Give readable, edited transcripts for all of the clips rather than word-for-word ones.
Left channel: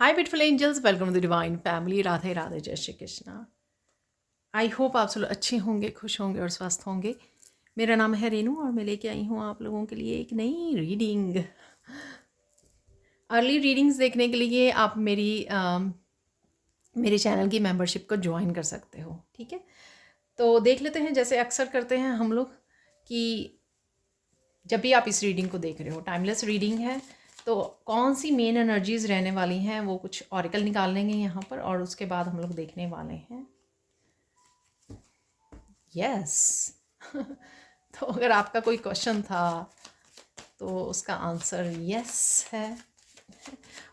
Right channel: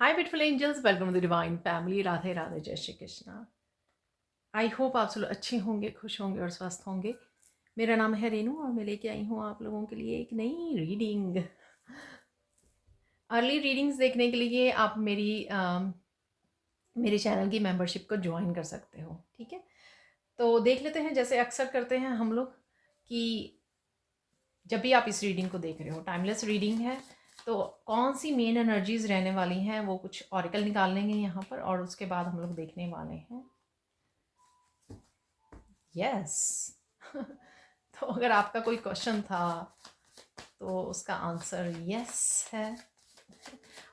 Hi beautiful angels, welcome to the divine family. Radhe Radhe, जय Shri Krishna. I hope आप सब लोग अच्छे होंगे, खुश होंगे और स्वस्थ होंगे। मेरा नाम है रेनू और मैं लेके आई हूँ आप लोगों के लिए एक नई रीडिंग। अर्ली रीडिंग्स देखने के लिए आप मेरे चैनल की मेंबरशिप को ज्वाइन कर सकते हो, ठीक है। तो देख लेते हैं, जैसे अक्सर करते हैं हम लोग, कि जब भी आप इस रीडिंग को देख रहे हो, टाइमलेस रीडिंग है, तो कौन सी मेन एनर्जीज रहने वाली हैं वो कुछ ऑरिकल निकाल लेंगे यहाँ पर, और उसके बाद हम लोग देखने वाले हैं। यस। तो अगर आपका कोई क्वेश्चन था तो उसका आंसर यस है।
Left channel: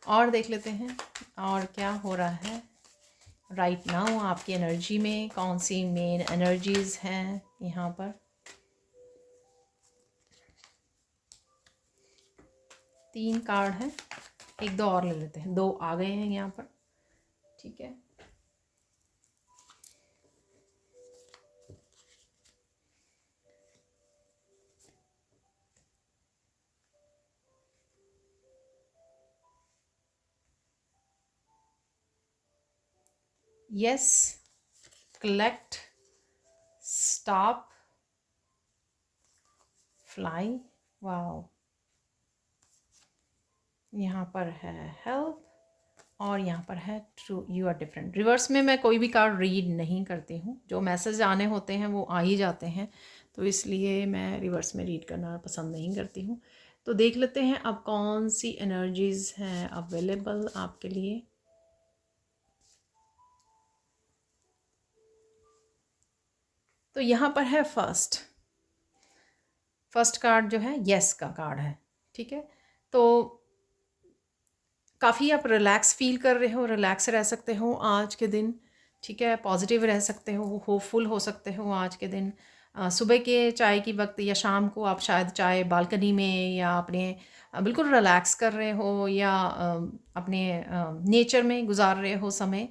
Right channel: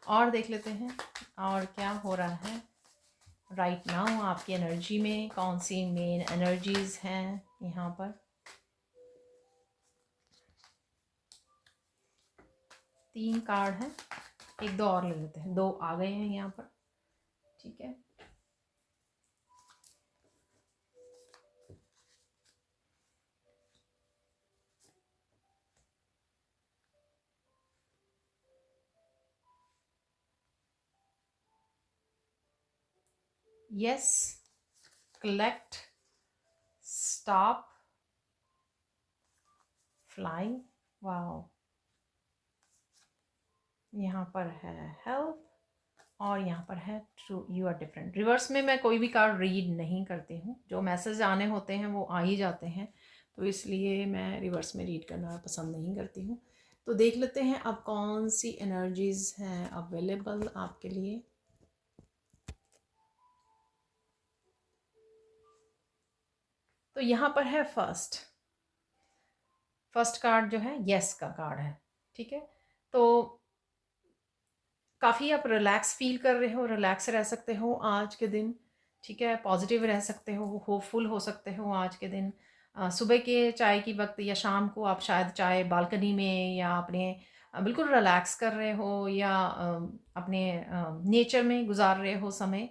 और देख लेते हैं और क्या हो रहा है राइट नाउ आपकी एनर्जी में, कौन सी मेन एनर्जीज हैं यहाँ पर। 3 कार्ड हैं, एक दो और ले लेते हैं, 2 आ गए हैं यहाँ पर, ठीक है। Yes, collect, stop, fly, wow. यहाँ पर है हेल्प और यहाँ पर है true you are different. Reverse में मैं कोई भी कार्ड रीड नहीं करती हूँ, जो मैसेज आने होते हैं वो आ ही जाते हैं, तो इसलिए मैं रिवर्स में रीड करना पसंद नहीं करती हूँ। तो देख लेते हैं अब कौन सी एनर्जीज हैं अवेलेबल आपके लिए। तो यहाँ पर है फर्स्ट कार्ड जो है यस का कार्ड है, ठीक है। तो काफ़ी आप रिलैक्स फील कर रहे हो, रिलैक्स रह सकते हो आज के दिन, ठीक है। पॉजिटिव रह सकते हो, होपफुल हो सकते हो आज के दिन। सुबह के चाय की वक्त या शाम को आप शायद चाय बालकनी में या अपने बिल्कुल रिलैक्स कर रहे हो, या अपने नेचर में गुजार रहे हो समय।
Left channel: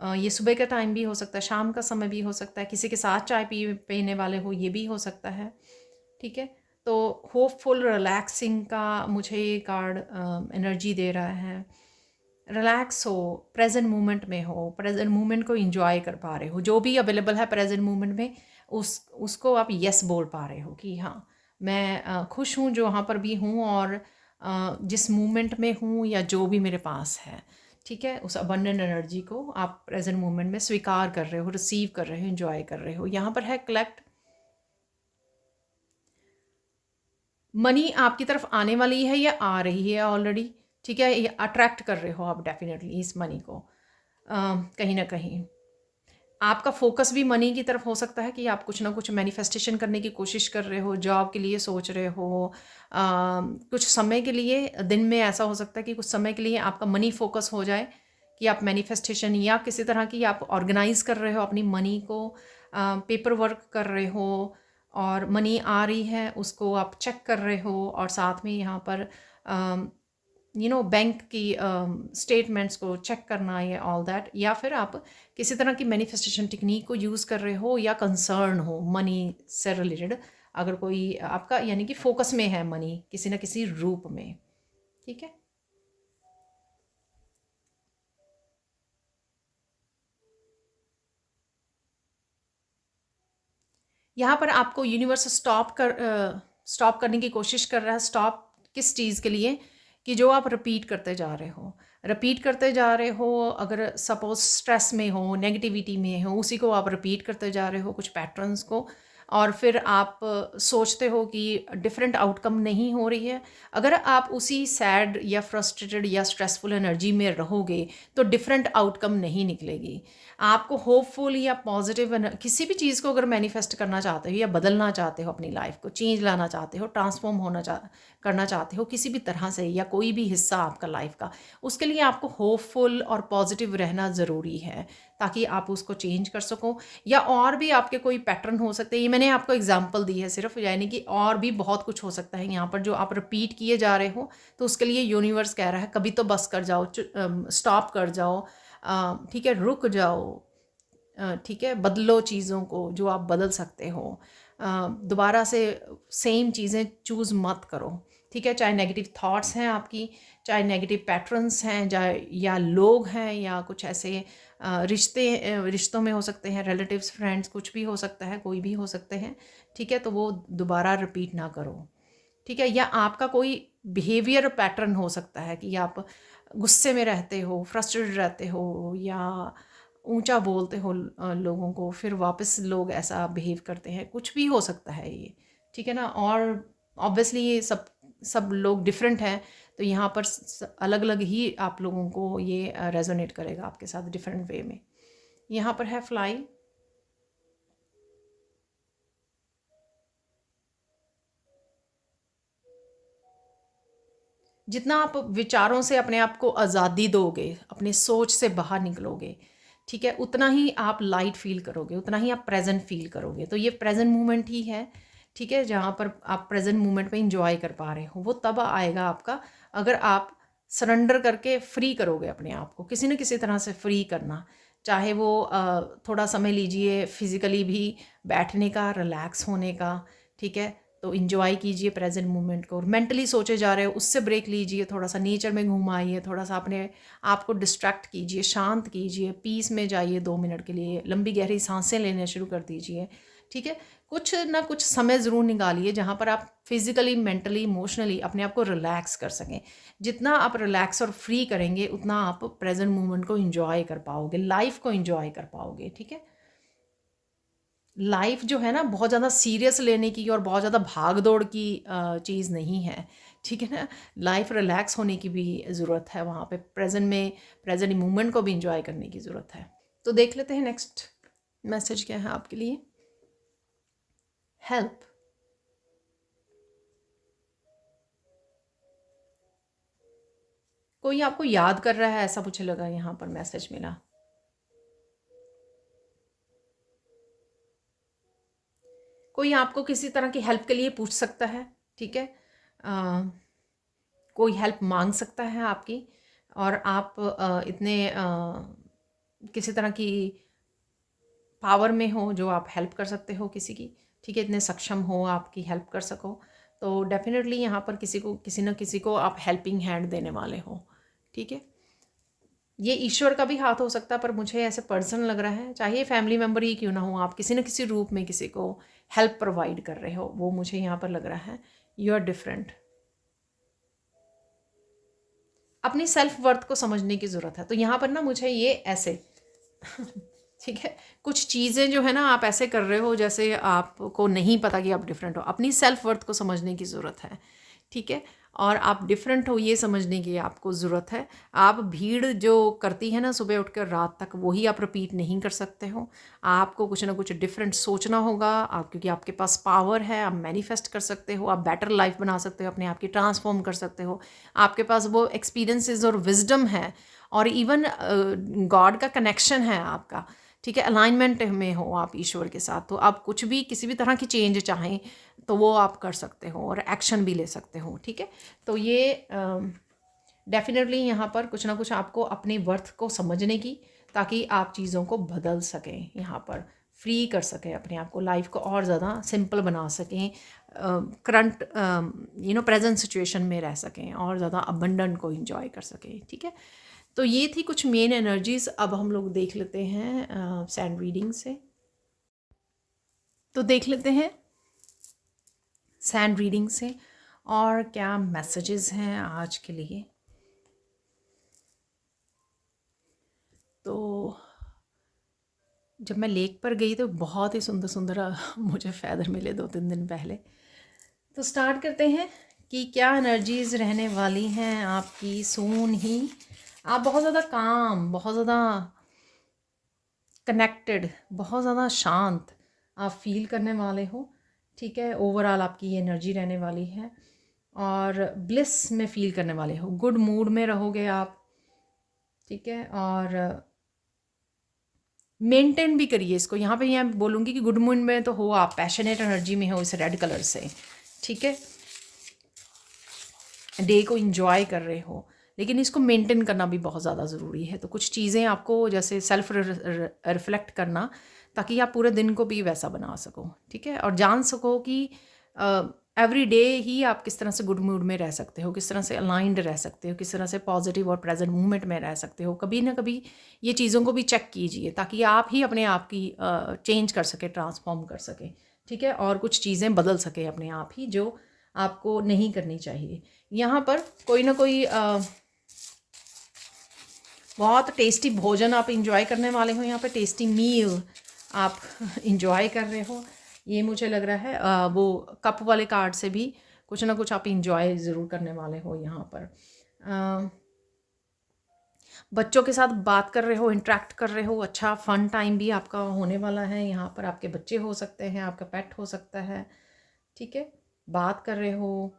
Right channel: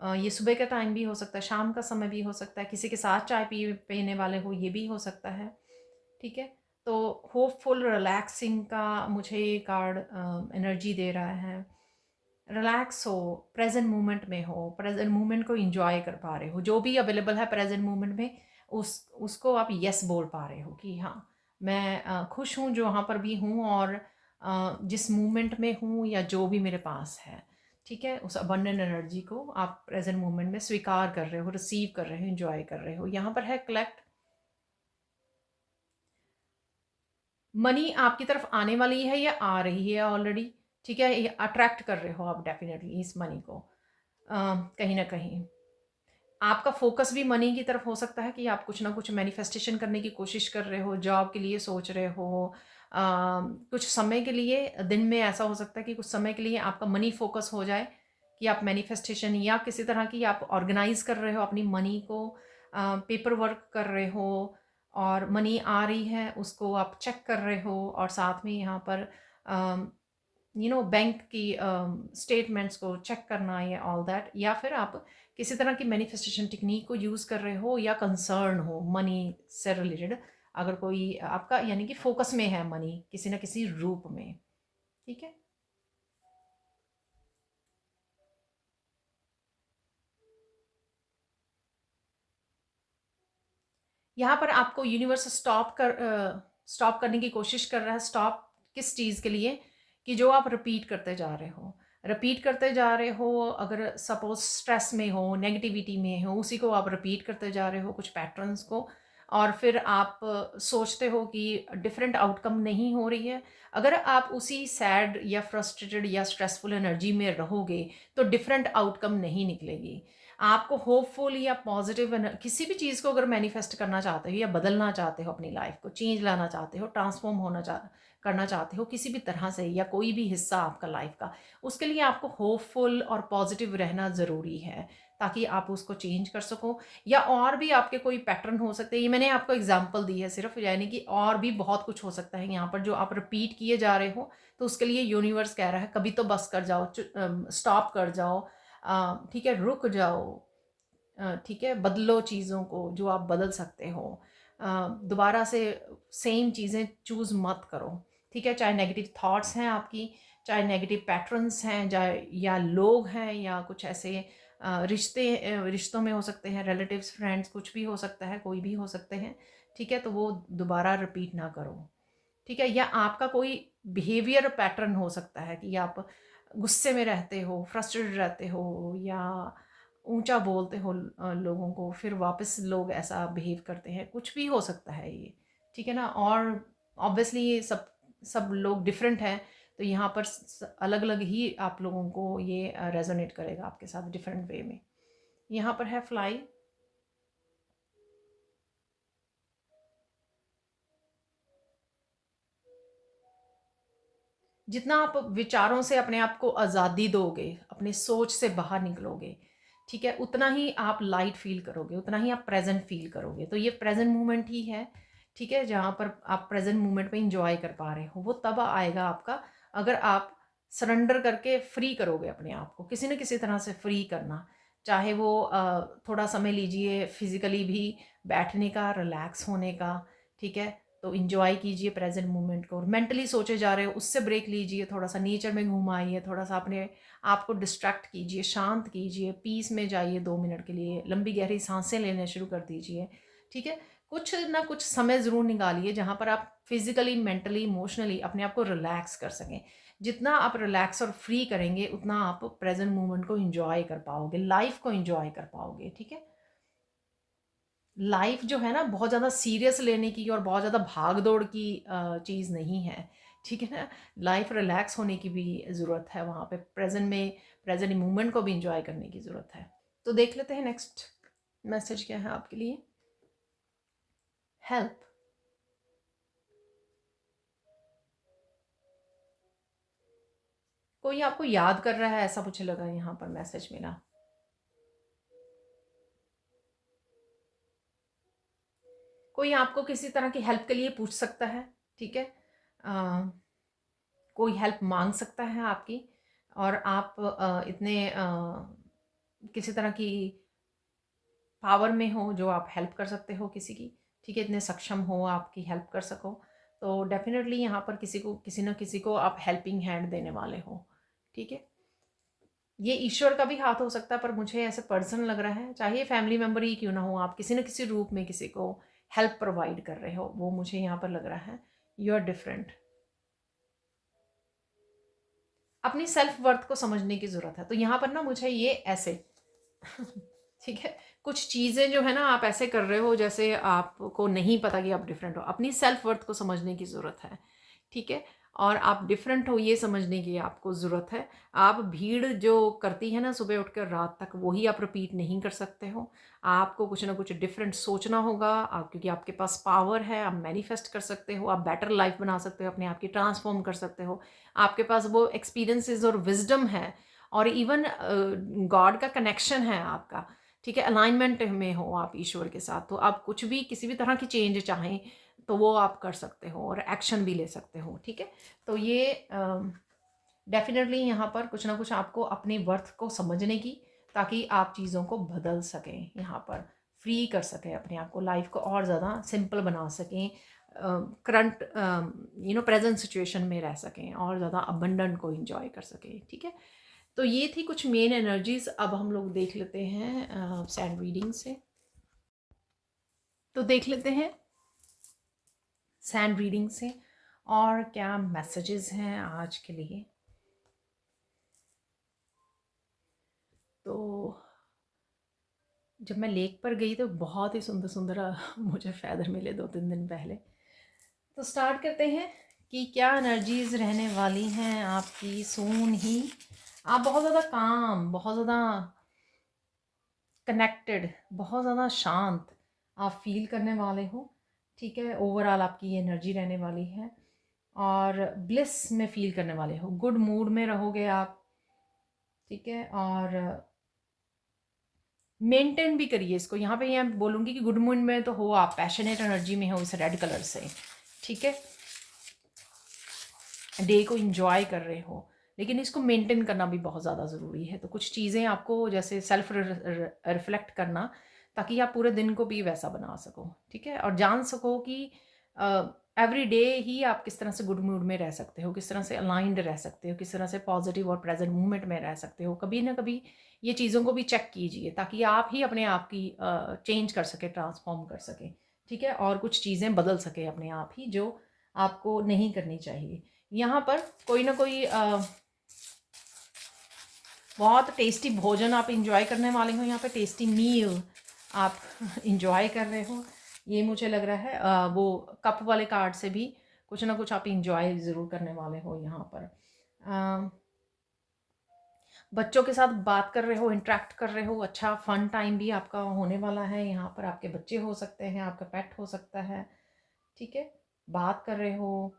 ये सुबह का टाइम भी हो सकता है, शाम का समय भी हो सकता है, किसी के साथ चाय पीने वाले हो ये भी हो सकता है, ठीक है। तो होपफुल रिलैक्सिंग का मुझे ये कार्ड एनर्जी दे रहा है। रिलैक्स हो, प्रेजेंट मोमेंट में हो, प्रेजेंट मोमेंट को एंजॉय कर पा रहे हो, जो भी अवेलेबल है प्रेजेंट मोमेंट में उसको आप यस बोल पा रहे हो कि हाँ मैं खुश हूँ जो वहाँ पर भी हूँ, और जिस मोमेंट में हूँ या जो भी मेरे पास है, ठीक है। उस अबंडेंट एनर्जी को आप प्रेजेंट मोमेंट में स्वीकार कर रहे हो, रिसीव कर रहे हो, एंजॉय कर रहे हो। यहाँ पर है कलेक्ट, मनी आपकी तरफ आने वाली है या आ रही है ऑलरेडी, ठीक है। ये अट्रैक्ट कर रहे हो आप डेफिनेटली इस मनी को। कहीं ना कहीं आपका फोकस भी मनी की तरफ हो सकता है, कि आप कुछ ना कुछ मैनिफेस्टेशन करने की कोशिश कर रहे हो, जॉब के लिए सोच रहे हो। कुछ समय के लिए दिन में ऐसा हो सकता है कि कुछ समय के लिए आपका मनी फोकस हो जाए, कि आप मैनिफेस्टेशन या किसी तरह की आप ऑर्गेनाइज कर रहे हो अपनी मनी को, पेपर वर्क कर रहे हो, और मनी आ रही है उसको आप चेक कर रहे हो, और साथ में यहाँ पर बैंक की स्टेटमेंट्स को चेक करना या ऑल दैट, या फिर आप किसी तरह की मैनिफेस्टेशन टेक्निक को यूज़ कर रहे हो, या कंसर्न हो मनी से रिलेटेड, अगर कोई आपका यानी कि फोकस में है मनी किसी न किसी रूप में, ठीक है। यहाँ पर आपको यूनिवर्स स्टॉप करने की कोशिश कर रहा है। स्टॉप किस चीज़ के लिए, कि जो आप रिपीट करते जा रहे हो, रिपीट करते जा रहे हो। अगर सपोज स्ट्रेस में हो, नेगेटिविटी में हो, उसी को आप रिपीट करते जा रहे हो, कुछ पैटर्न्स को, और फिर आप सोचते हो कि डिफरेंट आउटकम नहीं हो रही है। अगर आप उसी सैड या फ्रस्ट्रेटेड या स्ट्रेसफुल एनर्जी में रहोगे तो डिफरेंट आउटकम नहीं निकलेगी। आपको होपफुल या पॉजिटिव किसी भी चीज़ को अगर मैनिफेस्ट करना चाहते हो, या बदलना चाहते हो, अपनी लाइफ को चेंज लाना चाहते हो, ट्रांसफॉर्म करना चाहते हो किसी भी तरह से, या कोई भी हिस्सा आपका लाइफ का, उसके लिए आपको होपफुल और पॉजिटिव रहना ज़रूरी है, ताकि आप उसको चेंज कर सको। या और भी आपके कोई पैटर्न हो सकते हैं, ये मैंने आपको एग्जांपल दी है सिर्फ, यानी कि और भी बहुत कुछ हो सकता है यहाँ पर जो आप रिपीट किए जा रहे हो। तो उसके लिए यूनिवर्स कह रहा है कभी तो बस कर जाओ, स्टॉप कर जाओ, ठीक है, रुक जाओ, ठीक है, बदलो चीज़ों को जो आप बदल सकते हो। दोबारा से सेम चीज़ें चूज़ मत करो, ठीक है, चाहे नेगेटिव थॉट्स हैं आपकी, चाहे नेगेटिव पैटर्न्स हैं, चाहे या लोग हैं, या कुछ ऐसे रिश्तों में हो सकते हैं, रिलेटिव्स, फ्रेंड्स, कुछ भी हो सकता है, कोई भी हो सकते हैं। ठीक है, तो वो दोबारा रिपीट ना करो। ठीक है, या आपका कोई बिहेवियर पैटर्न हो सकता है कि आप गुस्से में रहते हो, फ्रस्ट्रेटेड रहते हो, या ऊंचा बोलते हो लोगों को, फिर वापस लोग ऐसा बिहेव करते हैं, कुछ भी हो सकता है ये। ठीक है ना। और ऑब्वियसली ये सब सब लोग डिफरेंट हैं, तो यहाँ पर अलग अलग ही आप लोगों को ये रेजोनेट करेगा आपके साथ डिफरेंट वे में। यहाँ पर है फ्लाई। जितना आप विचारों से अपने आप को आज़ादी दोगे, अपने सोच से बाहर निकलोगे, ठीक है, उतना ही आप लाइट फील करोगे, उतना ही आप प्रेजेंट फील करोगे। तो ये प्रेजेंट मोमेंट ही है। ठीक है, जहाँ पर आप प्रेजेंट मोमेंट में इंजॉय कर पा रहे हो, वो तब आएगा आपका अगर आप सरेंडर करके फ्री करोगे अपने आप को, किसी न किसी तरह से फ्री करना। चाहे वो थोड़ा समय लीजिए फिज़िकली भी बैठने का, रिलैक्स होने का। ठीक है, तो इन्जॉय कीजिए प्रेजेंट मोमेंट को। और मेंटली सोचे जा रहे हो, उससे ब्रेक लीजिए, थोड़ा सा नेचर में घुमाइए, थोड़ा सा अपने आप को डिस्ट्रैक्ट कीजिए, शांत कीजिए, पीस में जाइए 2 मिनट के लिए, लंबी गहरी सांसें लेने शुरू कर दीजिए। ठीक है, कुछ ना कुछ समय ज़रूर निकालिए जहाँ पर आप फिजिकली, मेंटली, इमोशनली अपने आप को रिलैक्स कर सकें। जितना आप रिलैक्स और फ्री करेंगे, उतना आप प्रेजेंट मोमेंट को इंजॉय कर पाओगे, लाइफ को इंजॉय कर पाओगे। ठीक है, लाइफ जो है ना, बहुत ज़्यादा सीरियस लेने की और बहुत ज़्यादा भाग दौड़ की चीज़ नहीं है। ठीक है ना, लाइफ रिलैक्स होने की भी ज़रूरत है, वहाँ पे प्रेजेंट में प्रेजेंट मोमेंट को भी इंजॉय करने की ज़रूरत है। तो देख लेते हैं नेक्स्ट मैसेज क्या है आपके लिए। हेल्प। कोई आपको याद कर रहा है, ऐसा मुझे लगा यहाँ पर मैसेज मिला। कोई आपको किसी तरह की हेल्प के लिए पूछ सकता है। ठीक है, कोई हेल्प मांग सकता है आपकी, और आप इतने किसी तरह की पावर में हो जो आप हेल्प कर सकते हो किसी की। ठीक है, इतने सक्षम हो आपकी हेल्प कर सको, तो डेफिनेटली यहाँ पर किसी को, किसी न किसी को आप हेल्पिंग हैंड देने वाले हो। ठीक है, ये ईश्वर का भी हाथ हो सकता है, पर मुझे ऐसे पर्सन लग रहा है, चाहे फैमिली मेम्बर ही क्यों ना हो, आप किसी न किसी रूप में किसी को हेल्प प्रोवाइड कर रहे हो, वो मुझे यहाँ पर लग रहा है। You are different. अपनी सेल्फ वर्थ को समझने की ज़रूरत है, तो यहाँ पर ना मुझे ये ऐसे ठीक है, कुछ चीज़ें जो है ना आप ऐसे कर रहे हो जैसे आपको नहीं पता कि आप डिफरेंट हो। अपनी सेल्फ वर्थ को समझने की ज़रूरत है। ठीक है, और आप डिफरेंट हो ये समझने की आपको ज़रूरत है। आप भीड़ जो करती है ना सुबह उठकर रात तक, वही आप रिपीट नहीं कर सकते हो। आपको कुछ ना कुछ डिफरेंट सोचना होगा, क्योंकि आपके पास पावर है, आप मैनिफेस्ट कर सकते हो, आप बेटर लाइफ बना सकते हो, अपने आप की ट्रांसफॉर्म कर सकते हो। आपके पास वो एक्सपीरियंसेस और विजडम है, और इवन गॉड का कनेक्शन है आपका। ठीक है, अलाइनमेंट में हो आप ईश्वर के साथ, तो आप कुछ भी, किसी भी तरह की चेंज चाहें तो वो आप कर सकते हो, और एक्शन भी ले सकते हो। ठीक है, तो ये डेफिनेटली यहाँ पर कुछ ना कुछ आपको अपने वर्थ को समझने की, ताकि आप चीज़ों को बदल सकें, यहाँ पर फ्री कर सकें अपने आप को, लाइफ को और ज़्यादा सिंपल बना सकें, करंट प्रेजेंट सिचुएशन में रह सकें, और ज़्यादा अबंडेंट को इंजॉय कर सकें। ठीक है, तो ये थी कुछ मेन एनर्जीज। अब हम लोग देख लेते हैं सैंड रीडिंग से। तो देख लेते हैं सैंड रीडिंग से और क्या मैसेजेस हैं आज के लिए। तो जब मैं लेक पर गई तो बहुत ही सुंदर सुंदर मुझे फैदर मिले 2-3 दिन पहले। तो स्टार्ट करते हैं कि क्या एनर्जीज रहने वाली हैं आपकी सून ही। आप बहुत ज़्यादा काम, बहुत ज़्यादा कनेक्टेड, बहुत ज़्यादा शांत आप फील करने वाले हो। ठीक है, ओवरऑल आपकी ये एनर्जी रहने वाली है, और ब्लिस में फील करने वाले हो, गुड मूड में रहोगे आप। ठीक है, और मेंटेन भी करिए इसको। यहाँ पे मैं बोलूँगी कि गुड मूड में तो हो आप, पैशनेट एनर्जी में हो इस रेड कलर से। ठीक है, डे को इंजॉय कर रहे हो, लेकिन इसको मेंटेन करना भी बहुत ज़्यादा ज़रूरी है। तो कुछ चीज़ें आपको जैसे सेल्फ रिफ्लेक्ट करना, ताकि आप पूरे दिन को भी वैसा बना सको। ठीक है, और जान सको कि एवरी डे ही आप किस तरह से गुड मूड में रह सकते हो, किस तरह से अलाइंड रह सकते हो, किस तरह से पॉजिटिव और प्रेजेंट मूवमेंट में रह सकते हो। कभी ना कभी ये चीज़ों को भी चेक कीजिए ताकि आप ही अपने आप की चेंज कर सके, ट्रांसफॉर्म कर सके, ठीक है, और कुछ चीज़ें बदल सके अपने आप ही जो आपको नहीं करनी चाहिए। यहाँ पर कोई ना कोई बहुत टेस्टी भोजन आप इंजॉय करने वाले हो, यहाँ पे टेस्टी मील आप इंजॉय कर रहे हो, ये मुझे लग रहा है। वो कप वाले कार्ड से भी कुछ ना कुछ आप इंजॉय ज़रूर करने वाले हो यहाँ पर। बच्चों के साथ बात कर रहे हो, इंटरेक्ट कर रहे हो, अच्छा फन टाइम भी आपका होने वाला है। यहाँ पर आपके बच्चे हो सकते हैं, आपका पेट हो सकता है, ठीक है, बात कर रहे हो,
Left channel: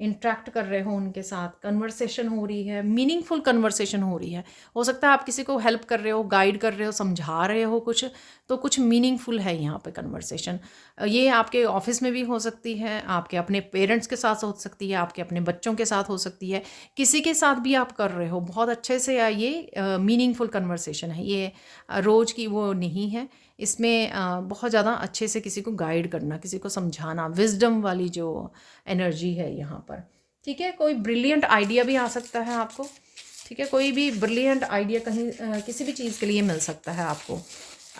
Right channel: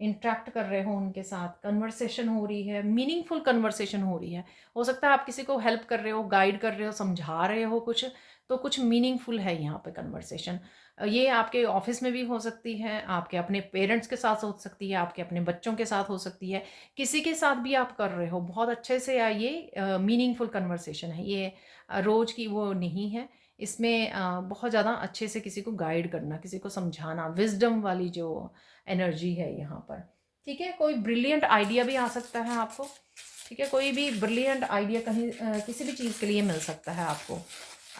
इंटरेक्ट कर रहे हो उनके साथ, कन्वर्सेशन हो रही है, मीनिंगफुल कन्वर्सेशन हो रही है। हो सकता है आप किसी को हेल्प कर रहे हो, गाइड कर रहे हो, समझा रहे हो कुछ, तो कुछ मीनिंगफुल है यहाँ पे कन्वर्सेशन। ये आपके ऑफिस में भी हो सकती है, आपके अपने पेरेंट्स के साथ हो सकती है, आपके अपने बच्चों के साथ हो सकती है, किसी के साथ भी आप कर रहे हो बहुत अच्छे से। ये मीनिंगफुल कन्वर्सेशन है, ये रोज़ की वो नहीं है। इसमें बहुत ज़्यादा अच्छे से किसी को गाइड करना, किसी को समझाना, विजडम वाली जो एनर्जी है यहाँ पर, ठीक है। कोई ब्रिलियंट आइडिया भी आ सकता है आपको, ठीक है, कोई भी ब्रिलियंट आइडिया कहीं किसी भी चीज़ के लिए मिल सकता है आपको,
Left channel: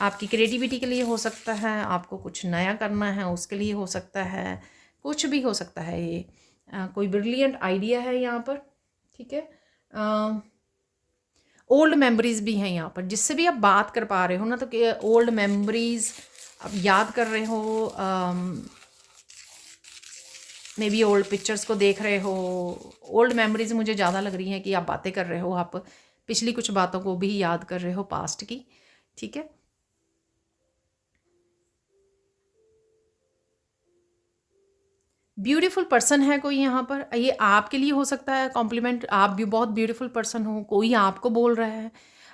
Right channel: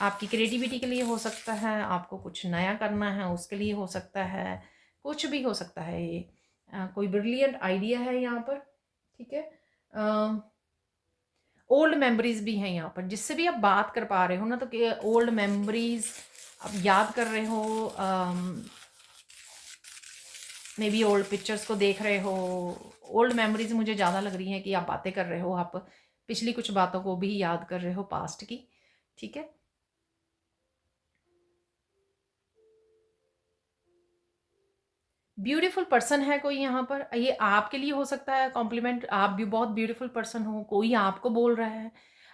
आपकी क्रिएटिविटी के लिए हो सकता है, आपको कुछ नया करना है उसके लिए हो सकता है, कुछ भी हो सकता है। ये कोई ब्रिलियंट आइडिया है यहाँ पर, ठीक है। ओल्ड मेमोरीज भी हैं यहाँ पर, जिससे भी आप बात कर पा रहे हो ना, तो ओल्ड मेमोरीज आप याद कर रहे हो, मे बी ओल्ड पिक्चर्स को देख रहे हो। ओल्ड मेमोरीज मुझे ज़्यादा लग रही हैं कि आप बातें कर रहे हो, आप पिछली कुछ बातों को भी याद कर रहे हो, पास्ट की, ठीक है। ब्यूटीफुल पर्सन है कोई यहाँ पर, ये आपके लिए हो सकता है कॉम्प्लीमेंट, आप भी बहुत ब्यूटीफुल पर्सन हो, कोई आपको बोल रहा है,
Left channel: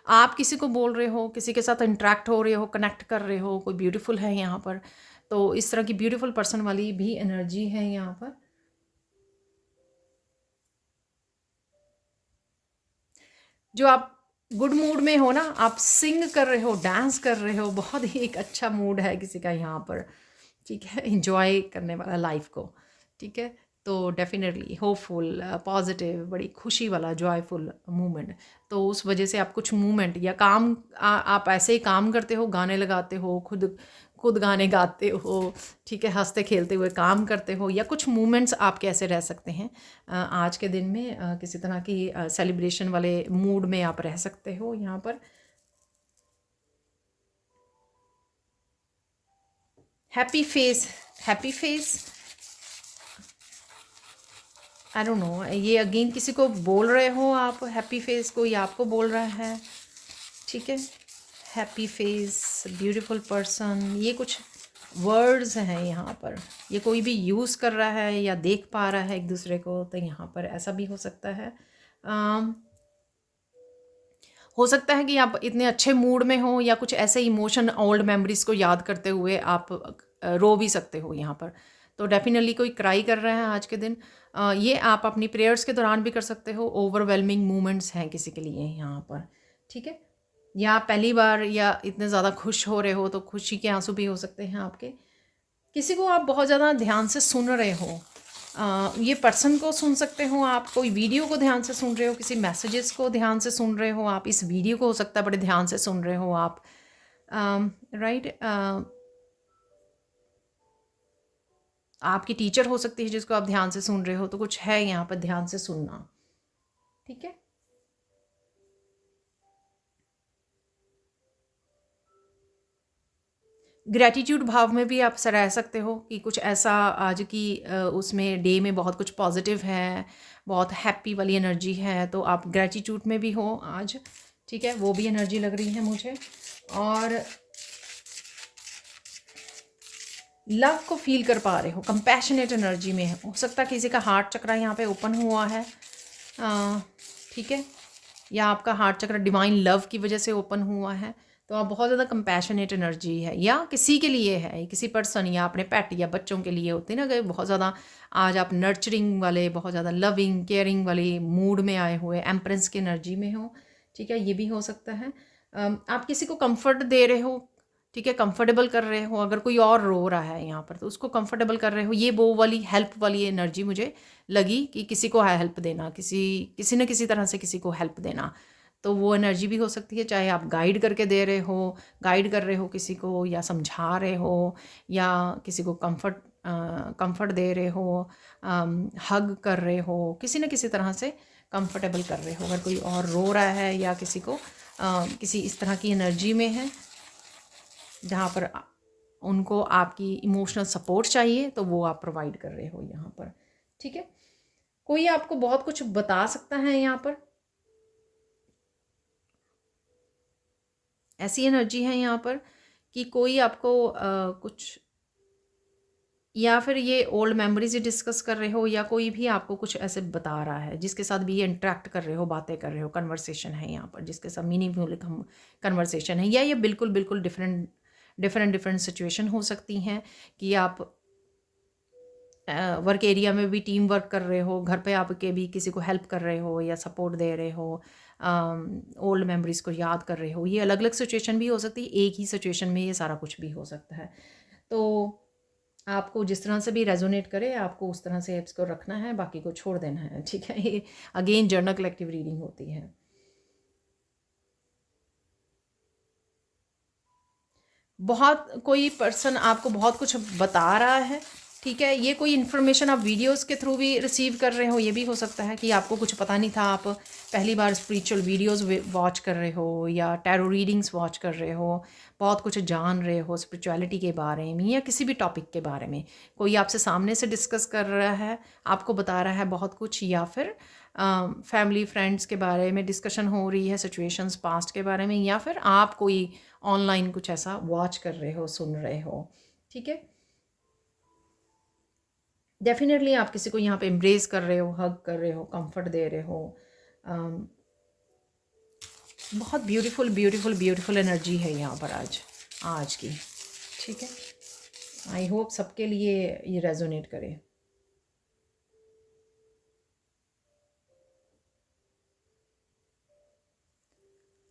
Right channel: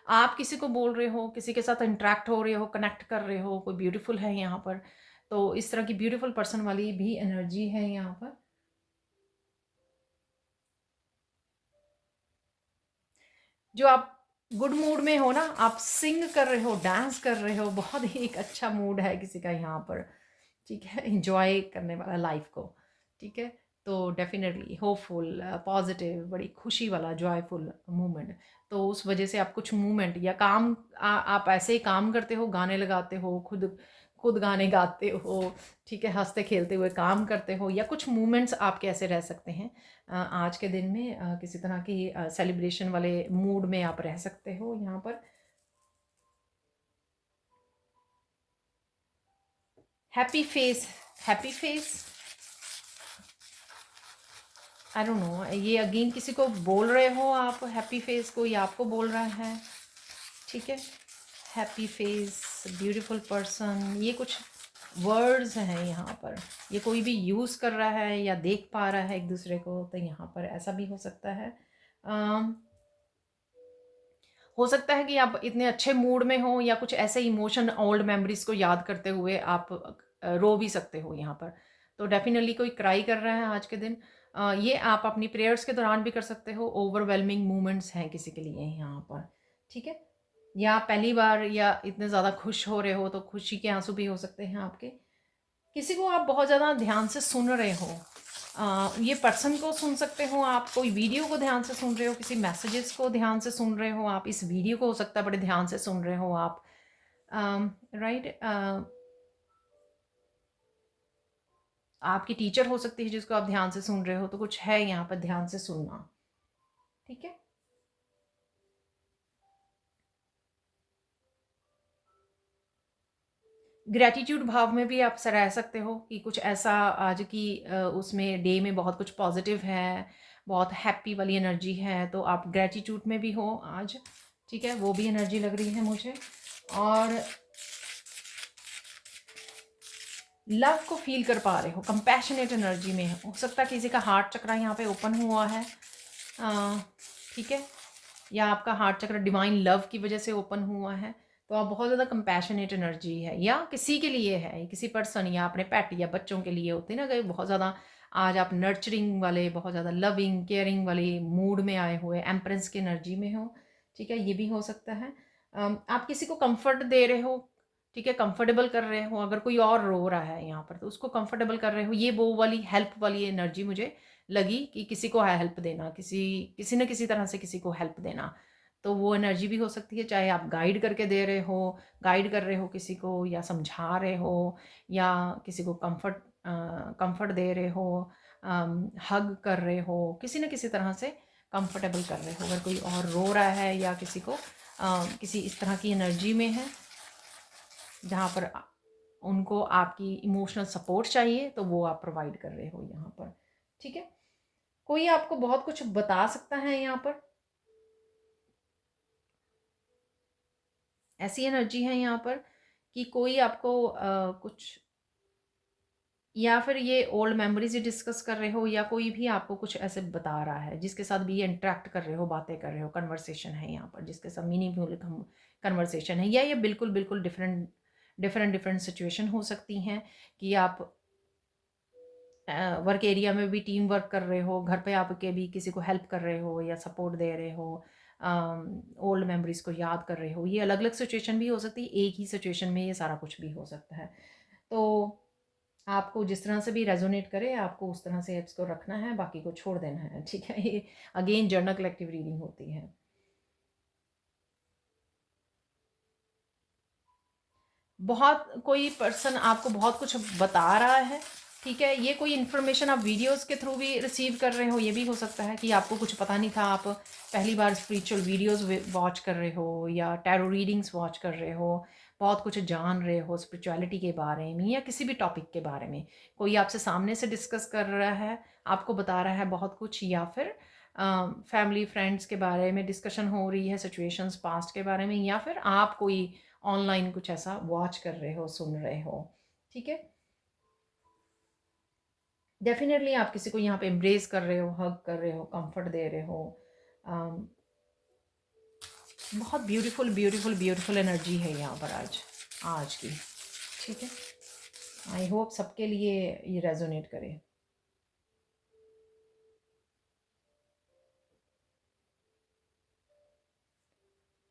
आप किसी को बोल रहे हो, किसी के साथ इंटरेक्ट हो रहे हो, कनेक्ट कर रहे हो, कोई ब्यूटीफुल है यहाँ पर। तो इस तरह की ब्यूटीफुल पर्सन वाली भी एनर्जी है यहाँ पर। जो आप गुड मूड में हो ना, आप सिंग कर रहे हो, डांस कर रहे हो, बहुत ही एक अच्छा मूड है किसी का यहाँ पर, ठीक है, इंजॉय करने वाला लाइफ को, ठीक है। तो डेफिनेटली होपफुल, पॉजिटिव, बड़ी खुशी वाला जॉयफुल मोमेंट। तो उस वजह से आप कुछ मूवमेंट या काम आप ऐसे ही काम करते हो, गाने लगाते हो, खुद खुद गाने गाते हो, ठीक है, हंसते खेलते हुए काम करते हो, या कुछ मूवमेंट्स आप कैसे रह सकते हैं आज के दिन में, किसी तरह की सेलिब्रेशन वाले मूड में आप रह सकते हो यहाँ पर। Happy face, happy face, I don't know, ये अगेन किसी को बोल रहे हो आप, हैप्पी फेस कोई आपको बोल रहा है, ठीक है। हैप्पी फेस, ब्यूटीफुल पर्सन, ये कुछ वर्ड्स हैं यहाँ पर, ये कोई भी यूज़ कर रहा है या देख पा रहा है एक दूसरे को, तो यहाँ पर ऐसा भी हो सकता है। हो सकता है कि आप इतने अच्छे मूड में हो, या कुछ ऐसे इमोशन, ओल्ड मेमोरीज को याद करते हुए आप रो भी सकते हो यहाँ पर। तो डेफिनेटली कोई क्राई कर रहा है आज के दिन। ये आप अपनी प्रेयर्स के दौरान भी कर सकते हो। ओवरवेलमिंग मोमेंट्स हैं किसी के लिए यहाँ पर, ठीक है। या आप पहली बार या इतने ज़्यादा खुश हो रहे हो, तो खुशी के आंसू भी हो सकते हैं आपके। किसी को आप बहुत ज़्यादा ध्यान से सुन रहे हो, ये पर्सन को सुन सकते हो आप, कोई वीडियो को ध्यान से सुन रहे हो, किसी मैसेजेस को ध्यान से सुन रहे हो आप, इस वीडियो को हो सकता है बड़े ध्यान से सुन रहे हो आप, राइट। आपकी टीचर हो सकती है जिसको आप ध्यान से सुन रहे हो, तो कुछ है यहाँ पर ध्यान से सुनना, ठीक है। ग्रैटिट्यूड भाव में भी आप रह सकते हो कि कुछ ऐसा आज की उसमें डे में बहुत कुछ पॉजिटिव है, बहुत हैप्पी वाली एनर्जी है, तो आप ग्रैटिट्यूड में भी हो आज, ठीक है, वो भी एनर्जी लग रही है मुझे। और लव को फील कर पा रहे हो, कंपैशनेट एनर्जी में हो सकता है किसी का हार्ट चक्र यहाँ पे ओपन हुआ है, ठीक है, या आपका हार्ट चक्र डिवाइन लव की वजह से ओपन हुआ है, तो आप बहुत ज़्यादा कंपैशनेट एनर्जी है, या किसी के लिए है, किसी पर्सन या अपने पेट या बच्चों के लिए होती है ना कि बहुत ज़्यादा आज आप नर्चरिंग वाले, बहुत ज़्यादा लविंग केयरिंग वाले मूड में आए हुए, एम्प्रेस की एनर्जी में हो, ठीक है, ये भी हो सकता है। आप किसी को कंफर्ट दे रहे हो, ठीक है, कंफर्टेबल कर रहे हो। अगर कोई और रो रहा है यहाँ पर तो उसको कंफर्टेबल कर रहे हो। ये वो वाली हेल्प वाली एनर्जी मुझे लगी कि किसी को हेल्प देना, किसी किसी न किसी तरह से किसी को हेल्प देना। तो वो एनर्जी भी हो सकती है, चाहे आप गाइड करके दे रहे हो, गाइड कर रहे हो किसी को, या समझा रहे हो, या किसी को कंफर्ट दे रहे हो, हग कर रहे हो, किसी न किसी तरह से कंफर्टेबल कर रहे हो। अगर कोई और रो रहा है या किसी को किसी इस तरह की एनर्जी में है जहाँ पर उनको आपकी इमोशनल सपोर्ट चाहिए, तो वो आप प्रोवाइड कर रहे हो यहाँ पर। ठीक है, कोई आपको बहुत कुछ बता सकता है यहाँ पर, ऐसी एनर्जी है यहाँ पर कि कोई आपको कुछ, या फिर ये ओल्ड मेमोरीज ही डिस्कस कर रहे हो, या कोई भी आपको कुछ ऐसे बता रहा है जिसके साथ भी ये इंटरेक्ट कर रहे हो, बातें कर रहे हो, कन्वर्सेशन है यहाँ पर जिसके साथ मीनिंगफुल कन्वर्सेशन है, या ये बिल्कुल बिल्कुल डिफरेंट डिफरेंट डिफरेंट सिचुएशन हो सकती हैं कि आप वर्क एरिया में भी टीम वर्क कर रहे हो, घर पे आपके भी किसी को हेल्प कर रहे हो या सपोर्ट दे रहे हो, ओल्ड मेमोरीज को याद कर रहे हो। ये अलग अलग सिचुएशन भी हो सकती है, एक ही सिचुएशन में ये सारा कुछ भी हो सकता है। तो आपको जिस तरह से भी रेजोनेट करे आपको उस तरह से इसको रखना है, बाकी को छोड़ देना है। ठीक है, ये अगेन जर्नल कलेक्टिव रीडिंग होती है। बहुत कोई पर्सन आपको बहुत कुछ बता रहा है, ठीक है, ये कोई इन्फॉर्मेशन आप वीडियोस के थ्रू भी रिसीव कर रहे हो। ये भी हो सकता है कि आपको कुछ पता नहीं था, आप पहली बार स्पिरिचुअल वीडियोस वॉच कर रहे हो या टैरो रीडिंग्स वॉच कर रहे हो, बहुत कुछ जान रहे हो स्पिरिचुअलिटी के बारे में या किसी भी टॉपिक के बारे में। कोई आपसे सामने से डिस्कस कर रहा है, आपको बता रहा है बहुत कुछ, या फिर फैमिली फ्रेंड्स के बारे में डिस्कशन हो रही है, सिचुएशंस पास्ट के बारे में, या फिर आप कोई ऑनलाइन कुछ ऐसा वॉच कर रहे हो, सुन रहे हो। ठीक है, डेफिनेटली आप किसी को यहाँ पे एम्ब्रेस कर रहे हो, हग कर रहे हो, कंफर्ट दे रहे हो। बहुत ब्यूटीफुल ब्यूटीफुल ब्यूटीफुल एनर्जी है यहाँ पर आज की। ठीक है, आई होप सबके लिए ये रेजोनेट करे।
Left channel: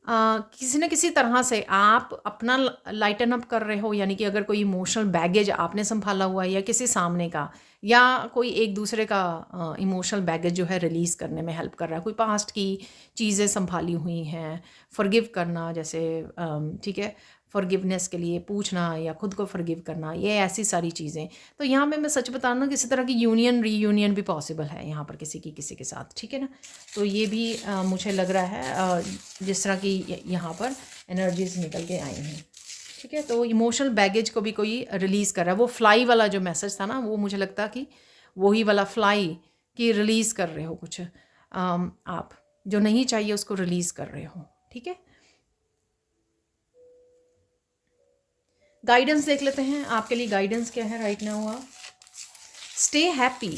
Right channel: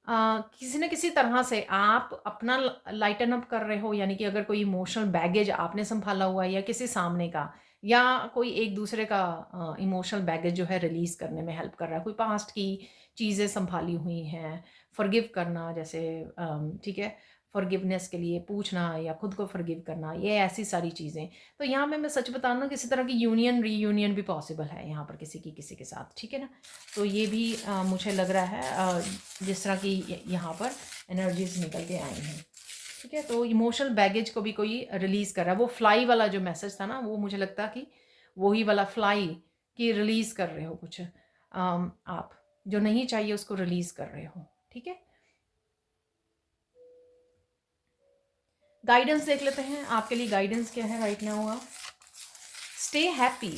किसी न किसी तरह से आप अपना लाइटन अप कर रहे हो, यानी कि अगर कोई इमोशनल बैगेज आपने संभाला हुआ है या किसी सामने का, या कोई एक दूसरे का इमोशनल बैगेज जो है रिलीज़ करने में हेल्प कर रहा है, कोई पास्ट की चीज़ें संभाली हुई हैं, फॉरगिव करना जैसे, ठीक है, फॉरगिवनेस के लिए पूछना या खुद को फॉरगिव करना, ये ऐसी सारी चीज़ें। तो यहाँ पे मैं सच बता ना, किसी तरह की यूनियन रीयूनियन भी पॉसिबल है यहाँ पर किसी की किसी के साथ। ठीक है ना, तो ये भी मुझे लग रहा है जिस तरह की यहाँ पर एनर्जीज निकल के आई हैं। ठीक है, तो इमोशनल बैगेज को भी कोई रिलीज़ कर रहा है। वो फ्लाई वाला जो मैसेज था ना, वो मुझे लगता कि वही वाला फ्लाई कि रिलीज़ कर रहे हो कुछ, आप जो नहीं चाहिए उसको रिलीज़ कर रहे हो। ठीक है, गाइडेंस देख लेते हैं, आपके लिए गाइडेंस क्या है राइट नाउ। आप स्टे हैप्पी,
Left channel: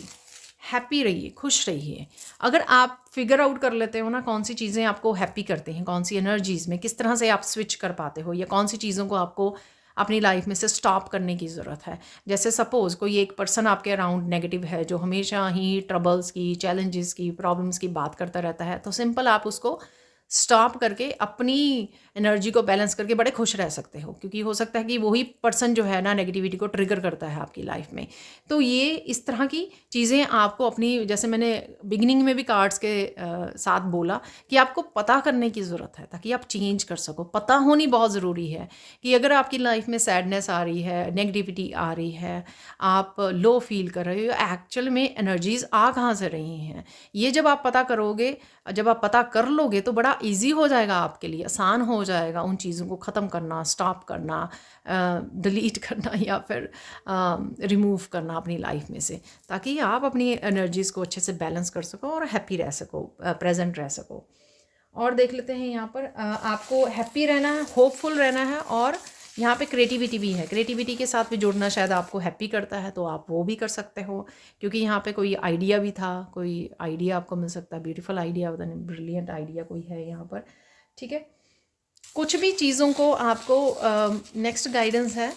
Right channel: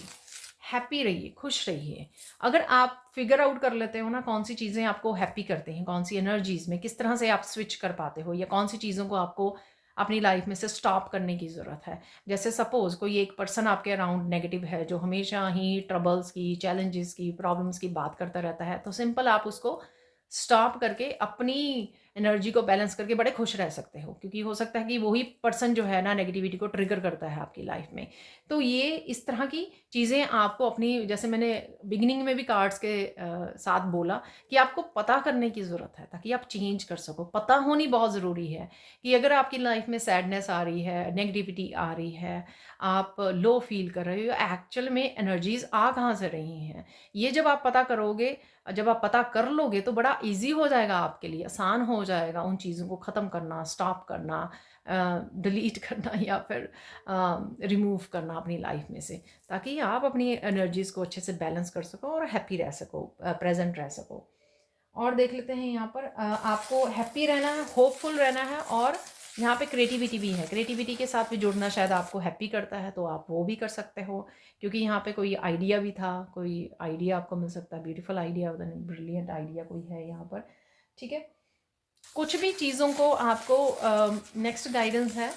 हैप्पी रहिए, खुश रहिए। अगर आप फिगर आउट कर लेते हो ना कौन सी चीज़ें आपको हैप्पी करते हैं, कौन सी एनर्जीज़ में किस तरह से आप स्विच कर पाते हो, या कौन सी चीज़ों को आपको अपनी लाइफ में से स्टॉप करने की ज़रूरत है। जैसे सपोज़ कोई एक पर्सन आपके अराउंड नेगेटिव है जो हमेशा ही ट्रबल्स की, चैलेंजेस की, प्रॉब्लम्स की बात करता रहता है, तो सिंपल आप उसको स्टॉप करके अपनी एनर्जी को बैलेंस करके बड़े खुश रह सकते हो, क्योंकि हो सकता है कि वही पर्सन जो है ना नेगेटिविटी को ट्रिगर करता है आपकी लाइफ में। तो ये इस तरह की चीज़ें आपको अपनी, जैसे मैंने बिगिनिंग में भी कार्ड्स के साथ बोला कि आपको पता करने की ज़रूरत है ताकि आप चेंज कर सको। पता होनी बहुत ज़रूरी है कि अगर आपकी लाइफ में सैडनेस आ रही है, नेगेटिविटी आ रही है, आप लो फील कर रहे हो, एक्चुअल में एनर्जीज आ कहाँ से रही हैं, ये जब आप पता करोगे, जब आप पता कर लोगे तो बड़ा इजी हो जाएगा आपके लिए, आसान हो जाएगा उन चीज़ों को ख़त्म करना, स्टॉप करना, डिलीट करना, या फिर रिमूव करना अपनी लाइफ में से, ताकि आप अपनी एनर्जीज़ को अच्छे से बैलेंस कर सको और हैप्पी रह सको, प्रेजेंट रह सको। और देख लेते हैं यहाँ पर, आपको हैप्पी रहना है, होपफुल रहना है, और यहाँ पे क्रिएटिविटी भी है। क्रिएटिविटी के साथ भी जुड़ना शायद आपको हैप्पी करता है, तो आप वो भी कर सकते हो, क्योंकि यहाँ पे कोई आइडिया भी था, कोई आइडिया आपको मिल सकता है, ब्यूटीफुल आइडिया, ब्रिलियंट आइडिया कोई है यहाँ पर। ठीक है, कुछ भी चीज़ों को आपको नेक्स्ट गाइडेंस है,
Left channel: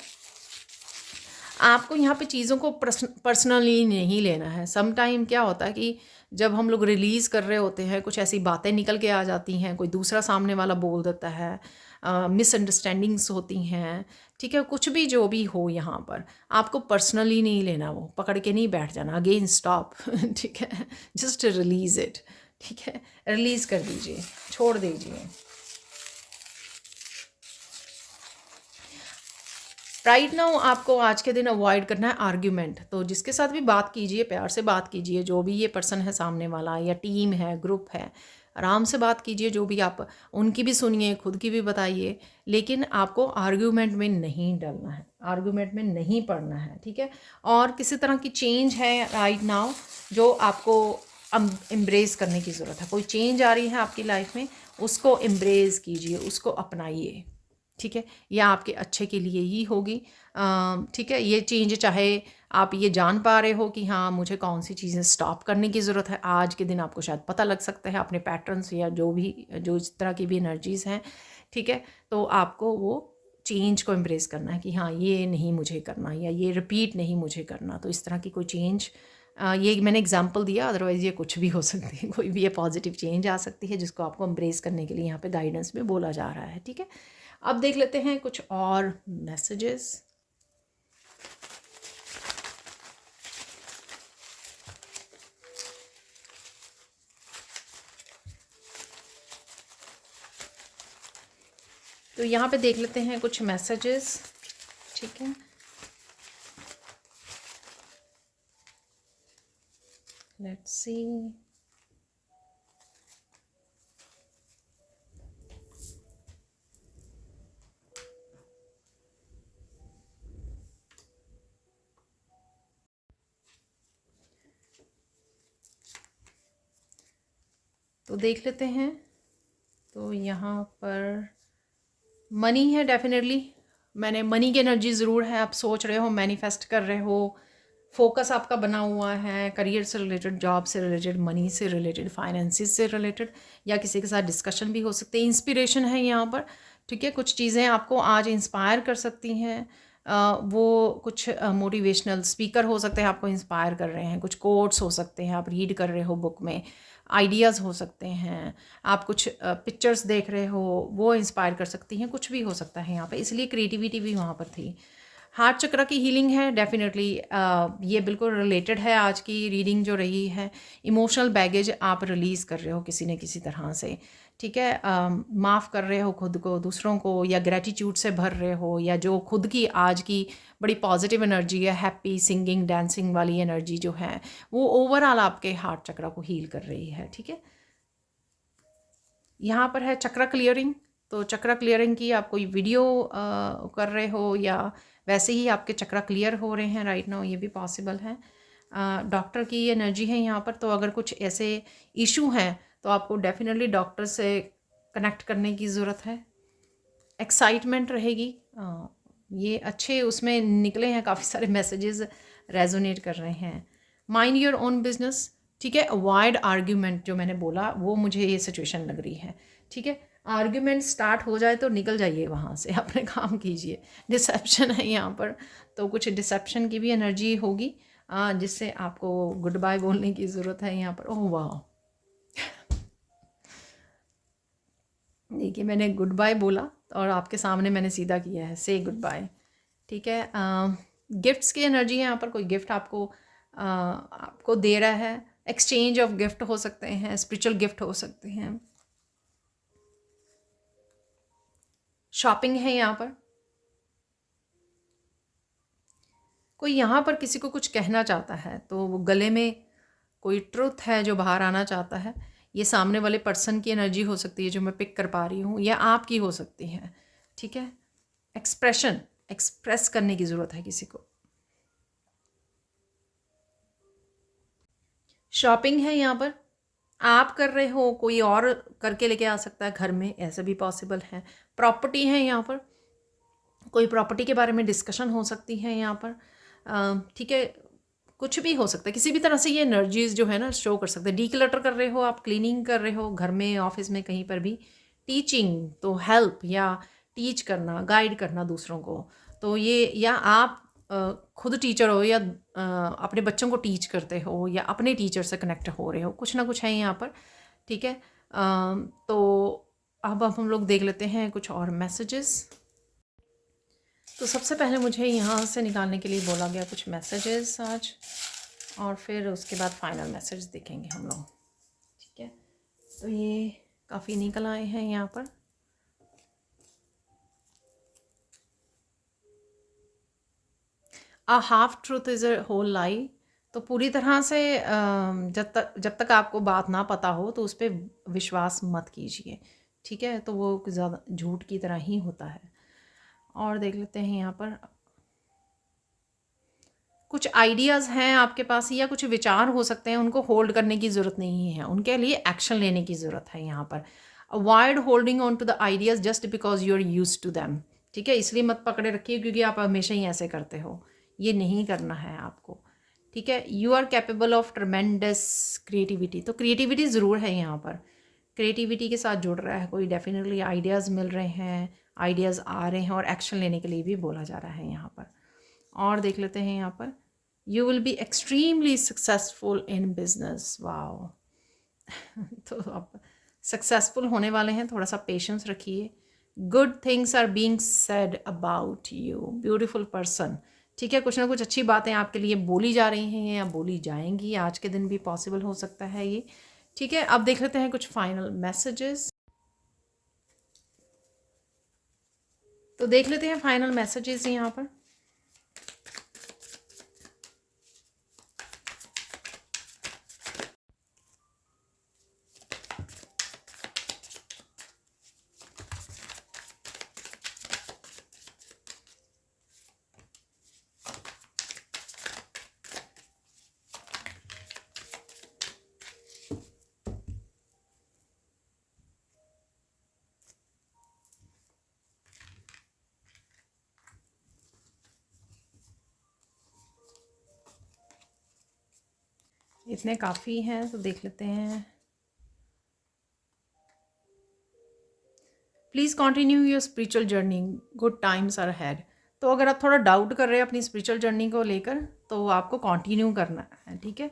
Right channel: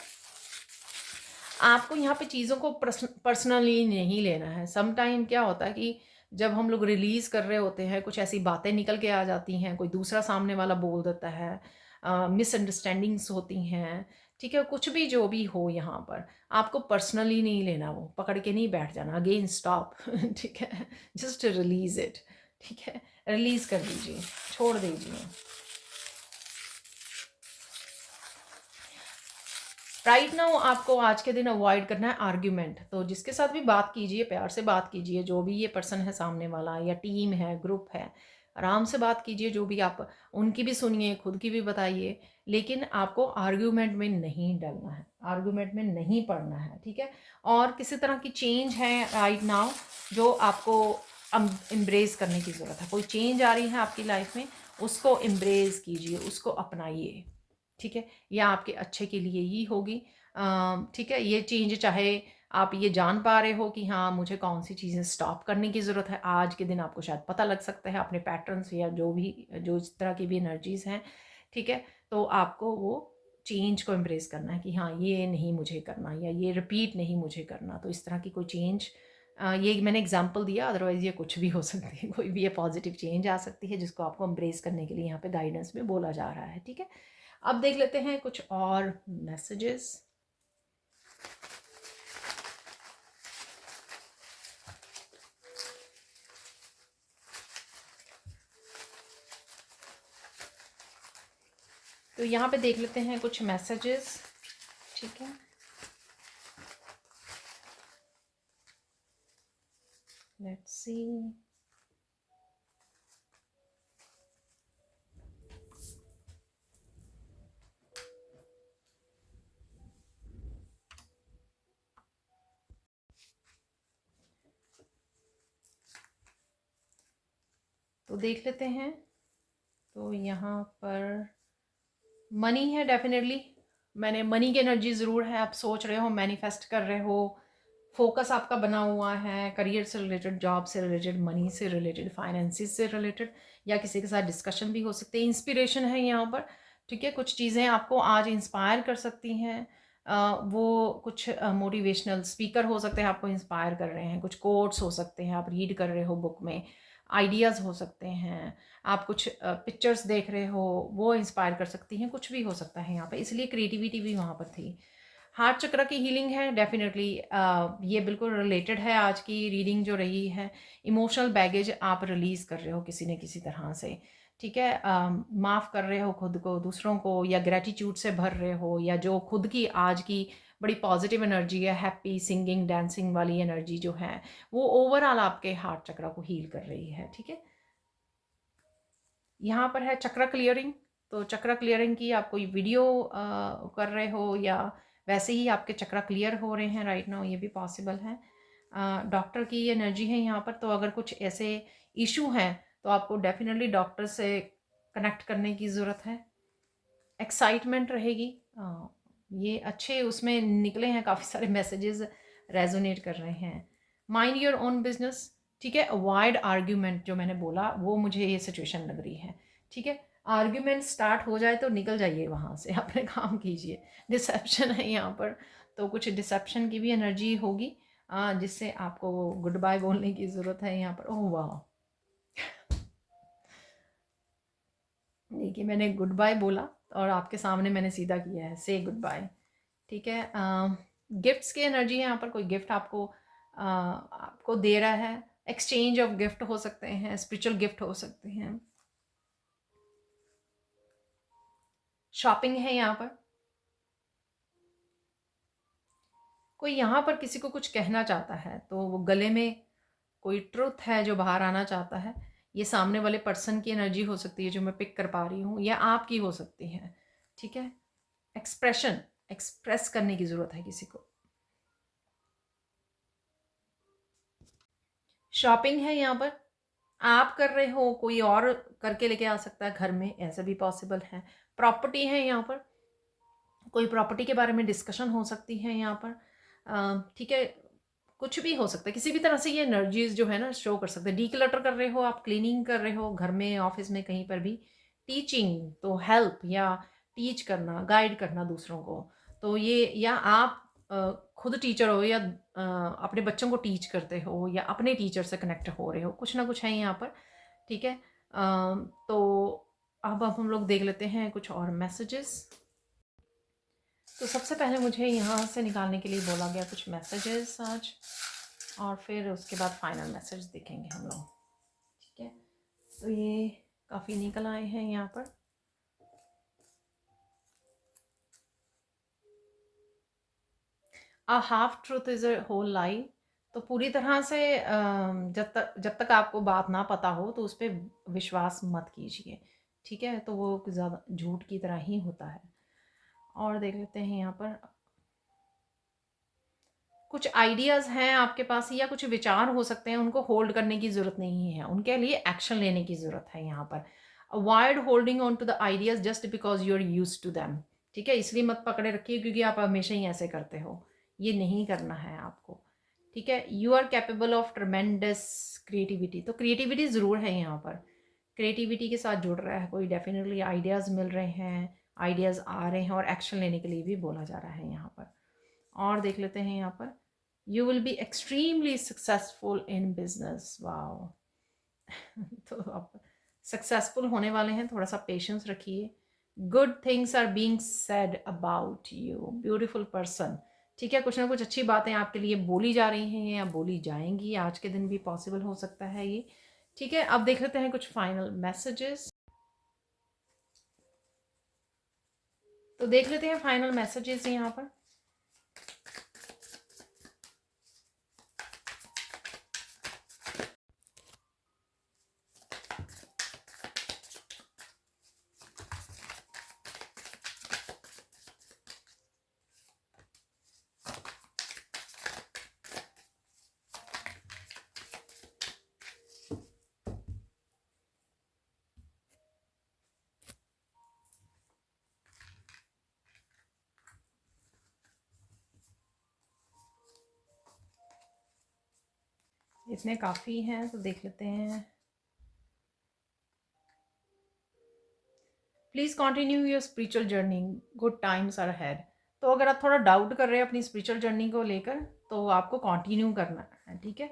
आपको यहाँ पे चीज़ों को पर्सनली नहीं लेना है। सम टाइम क्या होता है कि जब हम लोग रिलीज़ कर रहे होते हैं, कुछ ऐसी बातें निकल के आ जाती हैं, कोई दूसरा सामने वाला बोल देता है, मिसअंडरस्टैंडिंग्स होती हैं, ठीक है, कुछ भी जो भी हो यहाँ पर आपको पर्सनली नहीं लेना, वो पकड़ के नहीं बैठ जाना, अगेन स्टॉप। ठीक है, जस्ट रिलीज इट। ठीक है, रिलीज कर दीजिए, छोड़ दीजिए। राइट नाउ आपको आज के दिन अवॉइड करना है आर्ग्यूमेंट। तो जिसके साथ भी बात कीजिए, प्यार से बात कीजिए, जो भी ये पर्सन है सामने वाला, या टीम है, ग्रुप है, आराम से बात कीजिए। जो भी आप उनकी भी सुनिए, खुद की भी बताइए, लेकिन आपको आर्ग्यूमेंट में नहीं डलना है, आर्ग्यूमेंट में नहीं पड़ना है। ठीक है, और किसी तरह की चेंज है राइट नाउ जो आपको एम्ब्रेस करने की ज़रूरत है। कोई चेंज आ रही है आपकी लाइफ में, उसको एम्ब्रेस कीजिए, उसको अपनाइए। ठीक है, यह आपके अच्छे के लिए ही होगी। ठीक है, ये चेंज चाहे आप ये जान पा रहे हो कि हाँ मुझे कौन सी चीज़ें स्टॉप करने की ज़रूरत है, आज के दिन आपको शायद पता लग सकता है अपने पैटर्न्स या जो भी जो इस तरह की भी एनर्जीज़ हैं। ठीक है, तो आपको वो चेंज को एम्ब्रेस करना है कि हाँ ये नहीं मुझे करना, या ये रिपीट नहीं मुझे करना। तो इस तरह की कोई चेंज, ये मैंने एग्जांपल दिया, अदरवाइज़ ये कुछ भी हो सकती है, कोई भी ये पॉजिटिव चेंज आ सकती है जिसको आपको एम्ब्रेस करने के लिए यहाँ पे गाइडेंस में बोला जा रहा है। ठीक है, अब देख लेते हैं कुछ और मैसेजेस। तो यहाँ पे देख लेते हैं कुछ मैसेजेस। ठीक है, लेट्स सी। तो देख लेते हैं। तो यहाँ पर मनी है, डेफिनेटली मैंने मनी की एनर्जी ज़रूर है। आप सोच रहे हो, मैनिफेस्ट कर रहे हो, फोकस आपका बना हुआ है करियर से रिलेटेड, जॉब से रिलेटेड, मनी से रिलेटेड, फाइनेंसिस से रिलेटेड, या किसी के साथ डिस्कशन भी हो सकते हैं। इंस्पिरेशन है यहाँ पर। ठीक है, कुछ चीज़ें आपको आज इंस्पायर कर सकती हैं। वो कुछ मोटिवेशनल स्पीकर हो सकते हैं, आपको इंस्पायर कर रहे हैं। कुछ कोट्स हो सकते हैं, आप रीड कर रहे हो बुक में, आइडियाज़ हो सकते हैं। आप कुछ पिक्चर्स देख रहे हो, वो इंस्पायर कर सकती हैं। कुछ भी हो सकता है यहाँ पे, इसलिए क्रिएटिविटी भी वहाँ पर थी। हार्ट चक्र की हीलिंग है, डेफिनेटली ये बिल्कुल रिलेटेड है आज की रीडिंग जो रही है। इमोशनल बैगेज आप रिलीज़ कर रहे हो किसी न किसी तरह से। ठीक है, माफ़ कर रहे हो खुद को, दूसरों को, या ग्रेटिट्यूड से भर रहे हो, या जो खुद की आज की बड़ी पॉजिटिव एनर्जी है, हैप्पी सिंगिंग डांसिंग वाली एनर्जी जो है, वो ओवरऑल आपके हार्ट चक्र को हील कर रही है। ठीक है, यहाँ पर है चक्र क्लियरिंग। तो चक्र क्लियरिंग की आप कोई वीडियो कर रहे हो, या वैसे ही आपके चक्र क्लियर हो रहे हैं राइट नाउ, ये भी पॉसिबल है। डॉक्टर की एनर्जी है यहाँ पर। तो अगर कुछ ऐसे इशू हैं तो आपको डेफिनेटली डॉक्टर से कनेक्ट करने की ज़रूरत है। एक्साइटमेंट रहेगी। ये अच्छे उसमें निकले हैं, काफ़ी सारे मैसेजेस रेजोनेट कर रहे हैं। Mind your own business. ठीक है, अवॉइड आर्ग्यूमेंट जो मैंने बोला, वो मुझे ये सिचुएशन लग रही है। ठीक है, आर्ग्यूमेंट स्टार्ट हो जाए तो निकल जाइए वहाँ से, अपने काम कीजिए। डिसेप्शन है यहाँ पर, तो कुछ डिसेप्शन की भी एनर्जी होगी, जिससे आपको गुड बाय बोलने की ज़रूरत है यहाँ पर। ओह वाह, देखिए मैंने गुड बाय बोला और आपके सामने मैंने सीधा किया है, से गुड बाय। ठीक है, गिफ्ट्स की एनर्जी है यहाँ पर। कोई गिफ्ट आपको दे रहा है, एक्सचेंज ऑफ गिफ्ट हो सकते हैं, स्पिरिचुअल गिफ्ट हो सकते हैं। शॉपिंग है यहाँ पर। कोई यहाँ पर किसी को कुछ कहना चाहता है, तो वो गले में कोई ट्रुथ है जो बाहर आना चाहता है। ये सामने वाले पर्सन की एनर्जी हो सकती है जो मैं पिक कर पा रही हूँ, या आपकी हो सकती है। ठीक है, एक्सप्रेस करने की ज़रूरत है किसी को। शॉपिंग है यहाँ पर। आप कर रहे हो, कोई और करके लेके आ सकता है घर में, ऐसा भी पॉसिबल है। प्रॉपर्टी है यहाँ पर। कोई प्रॉपर्टी के बारे में डिस्कशन हो सकती है यहाँ पर। ठीक है, कुछ भी हो सकता है, किसी भी तरह से ये एनर्जीज जो है ना शो कर सकते हैं। डीक्लटर कर रहे हो आप, क्लीनिंग कर रहे हो घर में, ऑफिस में, कहीं पर भी। टीचिंग, तो हेल्प या टीच करना, गाइड करना दूसरों को। तो ये, या आप खुद टीचर हो, या अपने बच्चों को टीच करते हो, या अपने टीचर से कनेक्ट हो रहे हो, कुछ ना कुछ है यहाँ पर। ठीक है, तो अब हम लोग देख लेते हैं कुछ और मैसेजेस। तो सबसे पहले मुझे यहाँ से निकालने के लिए बोला गया कुछ मैसेजेस आज, और फिर उसके बाद फाइनल मैसेज देखेंगे हम लोग। ठीक है, तो ये काफ़ी निकल आए हैं यहाँ पर। A half truth is a whole lie. तो पूरी तरह से जब तक आपको बात ना पता हो तो उस पर विश्वास मत कीजिए। ठीक है, तो वो ज़्यादा झूठ की तरह ही होता है। और देख लेते हैं यहाँ पर कुछ आइडियाज़ हैं आपके पास या कुछ विचार हो सकते हैं, उनको होल्ड करने की ज़रूरत नहीं है, उनके लिए एक्शन लेने की ज़रूरत है यहाँ पर। Avoid holding on to the ideas just because you are use to them. ठीक है, इसलिए मत पकड़े रखिए क्योंकि आप हमेशा ही ऐसे करते हो, ये नहीं करना है आपको। ठीक है, you are capable of tremendous creativity. तो क्रिएटिविटी ज़रूर है यहाँ पर, क्रिएटिविटी के साथ जुड़ रहा है कोई, डेफिनेटली आइडियाज़ मिल रहे हैं, आइडियाज़ आ रहे हैं, और एक्शन लेने के लिए भी बोला जा रहा है यहाँ पर। और देख लेते हैं यहाँ पर, you will be extremely successful in business. Wow तो आप सक्सेसफुल होने वाले हैं, थोड़ा सा पेशेंस रखिए। Good things are being said about you, beautiful person. ठीक है, कुछ ना कुछ अच्छी बातें आपके लिए बोली जा रही हैं या बोली जाएंगी, आज के दिन भी पॉसिबल हो सकता है ये। ठीक है, अब देख लेते हैं कुछ फाइनल मैसेजेस। तो देख लेते हैं फाइनल मैसेजेस यहाँ पर। इतने काफ़ी हैं, तो देख लेते हैं। Please continue your spiritual journey, good times are had. तो अगर आप थोड़ा डाउट कर रहे हैं अपनी स्पिरिचुअल जर्नी को लेकर, तो आपको कंटिन्यू करना है। ठीक है,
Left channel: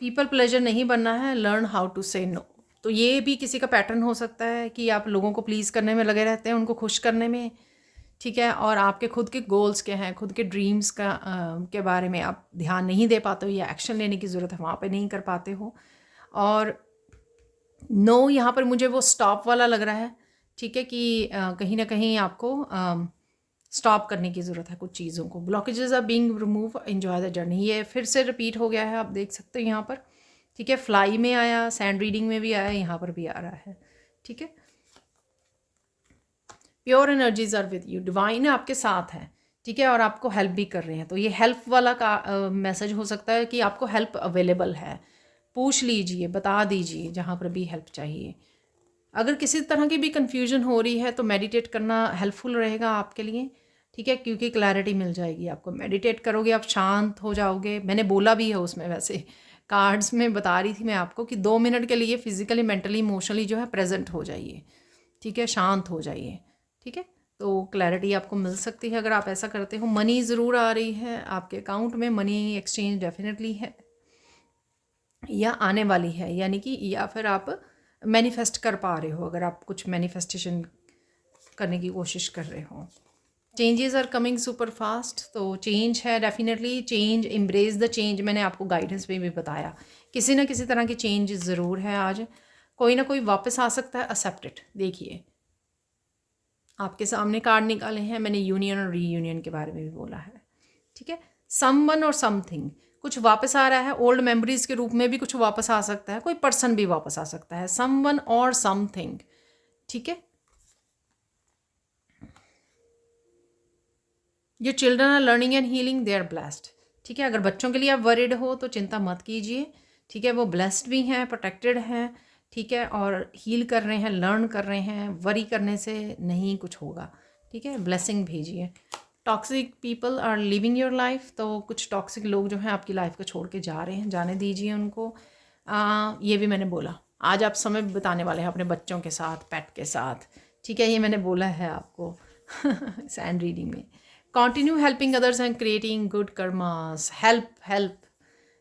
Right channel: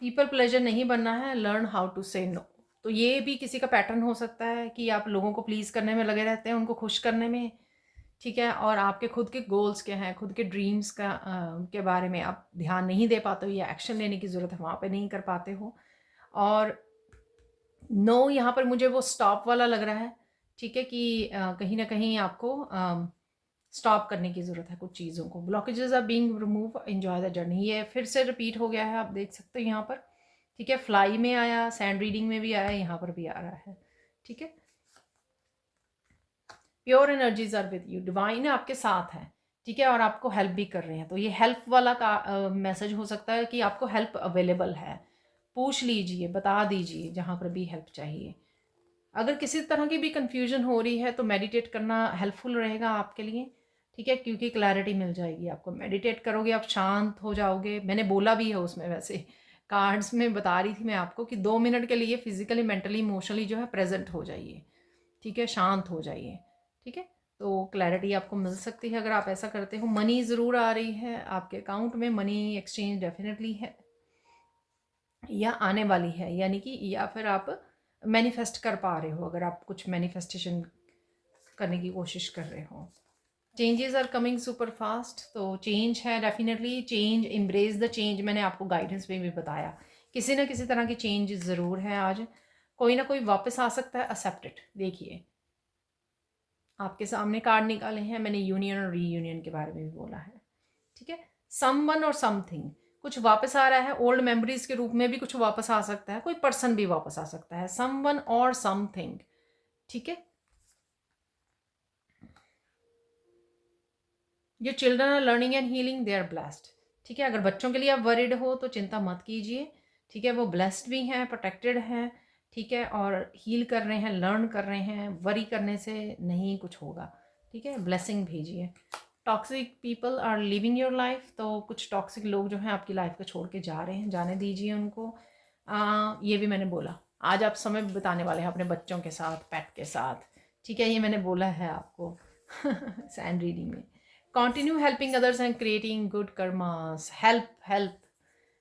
पीपल प्लेजर नहीं बनना है, लर्न हाउ टू से नो। तो ये भी किसी का पैटर्न हो सकता है कि आप लोगों को प्लीज़ करने में लगे रहते हैं, उनको खुश करने में। ठीक है, और आपके खुद के गोल्स क्या हैं, खुद के ड्रीम्स का के बारे में आप ध्यान नहीं दे पाते हो, या एक्शन लेने की ज़रूरत है वहाँ पे नहीं कर पाते हो। और नो यहाँ पर मुझे वो स्टॉप वाला लग रहा है। ठीक है, कि कहीं ना कहीं आपको स्टॉप करने की ज़रूरत है कुछ चीज़ों को। Blockages are being remove, enjoy the journey. ये फिर से रिपीट हो गया है, आप देख सकते हो यहाँ पर। ठीक है, फ्लाई में आया, सैंड रीडिंग में भी आया, यहाँ पर भी आ रहा है। ठीक है, pure energies are with you, divine आपके साथ है। ठीक है, और आपको हेल्प भी कर रहे हैं। तो ये हेल्प वाला का मैसेज हो सकता है कि आपको हेल्प अवेलेबल है। पूछ लीजिए, बता दीजिए जहाँ पर भी हेल्प चाहिए। अगर किसी तरह की भी कन्फ्यूजन हो रही है तो मेडिटेट करना हेल्पफुल रहेगा आपके लिए। ठीक है, क्योंकि क्लैरिटी मिल जाएगी आपको। मेडिटेट करोगे आप शांत हो जाओगे। मैंने बोला भी है उसमें, वैसे कार्ड्स में बता रही थी मैं आपको कि 2 मिनट के लिए फिजिकली मेंटली इमोशनली जो है प्रेजेंट हो जाइए। ठीक है, शांत हो जाइए। ठीक है, तो क्लैरिटी आपको मिल सकती है अगर आप ऐसा करते हो। मनी ज़रूर आ रही है आपके अकाउंट में, मनी एक्सचेंज डेफिनेटली है या आने वाली है, यानी कि या फिर आप मैनिफेस्ट कर पा रहे हो, अगर आप कुछ मैनिफेस्टेशन करने की कोशिश कर रहे हो। Changes are coming super fast, तो चेंज है definitely. Change, embrace the change, मैंने आपको गाइडेंस में भी बताया किसी ना किसी तरह की चेंज ज़रूर है। आज कोई ना कोई वापस आ सकता है, एक्सेप्ट इट। देखिए आपके सामने कार्ड निकाले हैं, मैंने यूनियन और रीयूनियन के बारे में भी बोला है। ठीक है, समवन और समथिंग कुछ वापस आ रहा है, ओल्ड मेमोरीज के रूप में भी कुछ वापस आ सकता है, कोई पर्सन भी वापस आ सकता है, समवन और समथिंग। ठीक है, जो children are learning and healing, they are blessed. ठीक है, अगर बच्चों के लिए आप वरिड हो तो चिंता मत कीजिए। ठीक है, वो ब्लेस्ड भी हैं, प्रोटेक्टेड हैं। ठीक है, और हील कर रहे हैं, लर्न कर रहे हैं। वरी करने से नहीं कुछ होगा। ठीक है, ब्लेसिंग भेजिए। Toxic people are living your life, तो कुछ टॉक्सिक लोग जो हैं आपकी लाइफ को छोड़ के जा रहे हैं, जाने दीजिए उनको। ये भी मैंने बोला, आज आप समय बिताने वाले हैं अपने बच्चों के साथ, पेट के साथ। ठीक है, ये मैंने बोला है आपको सैंड रीडिंग में। Continue helping others and creating good karmas. Help, help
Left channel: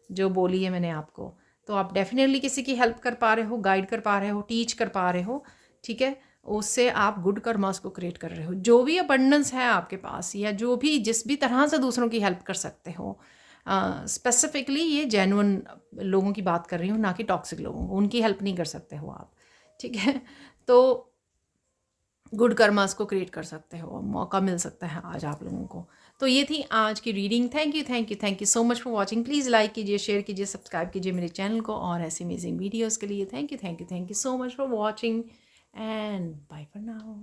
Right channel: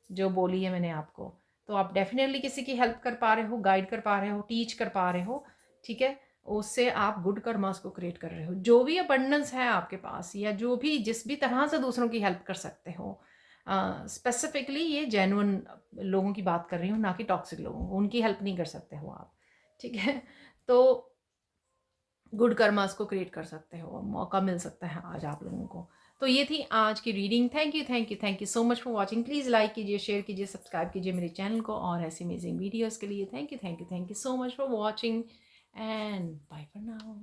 जो बोली है मैंने आपको, तो आप डेफिनेटली किसी की हेल्प कर पा रहे हो, गाइड कर पा रहे हो, टीच कर पा रहे हो। ठीक है, उससे आप गुड कर्मास को क्रिएट कर रहे हो। जो भी अबंडेंस है आपके पास या जो भी जिस भी तरह से दूसरों की हेल्प कर सकते हो, स्पेसिफिकली ये जेन्युइन लोगों की बात कर रही हूँ, ना कि टॉक्सिक लोगों को। उनकी हेल्प नहीं कर सकते हो आप, ठीक है? तो गुड कर्मास को क्रिएट कर सकते हो, मौका मिल सकता है आज आप लोगों को। तो ये थी आज की reading. Thank you thank you thank you so much for watching. Please like कीजिए, शेयर कीजिए, सब्सक्राइब कीजिए मेरे चैनल को और ऐसी अमेजिंग वीडियोज़ के लिए। Thank you so much for watching and bye for now.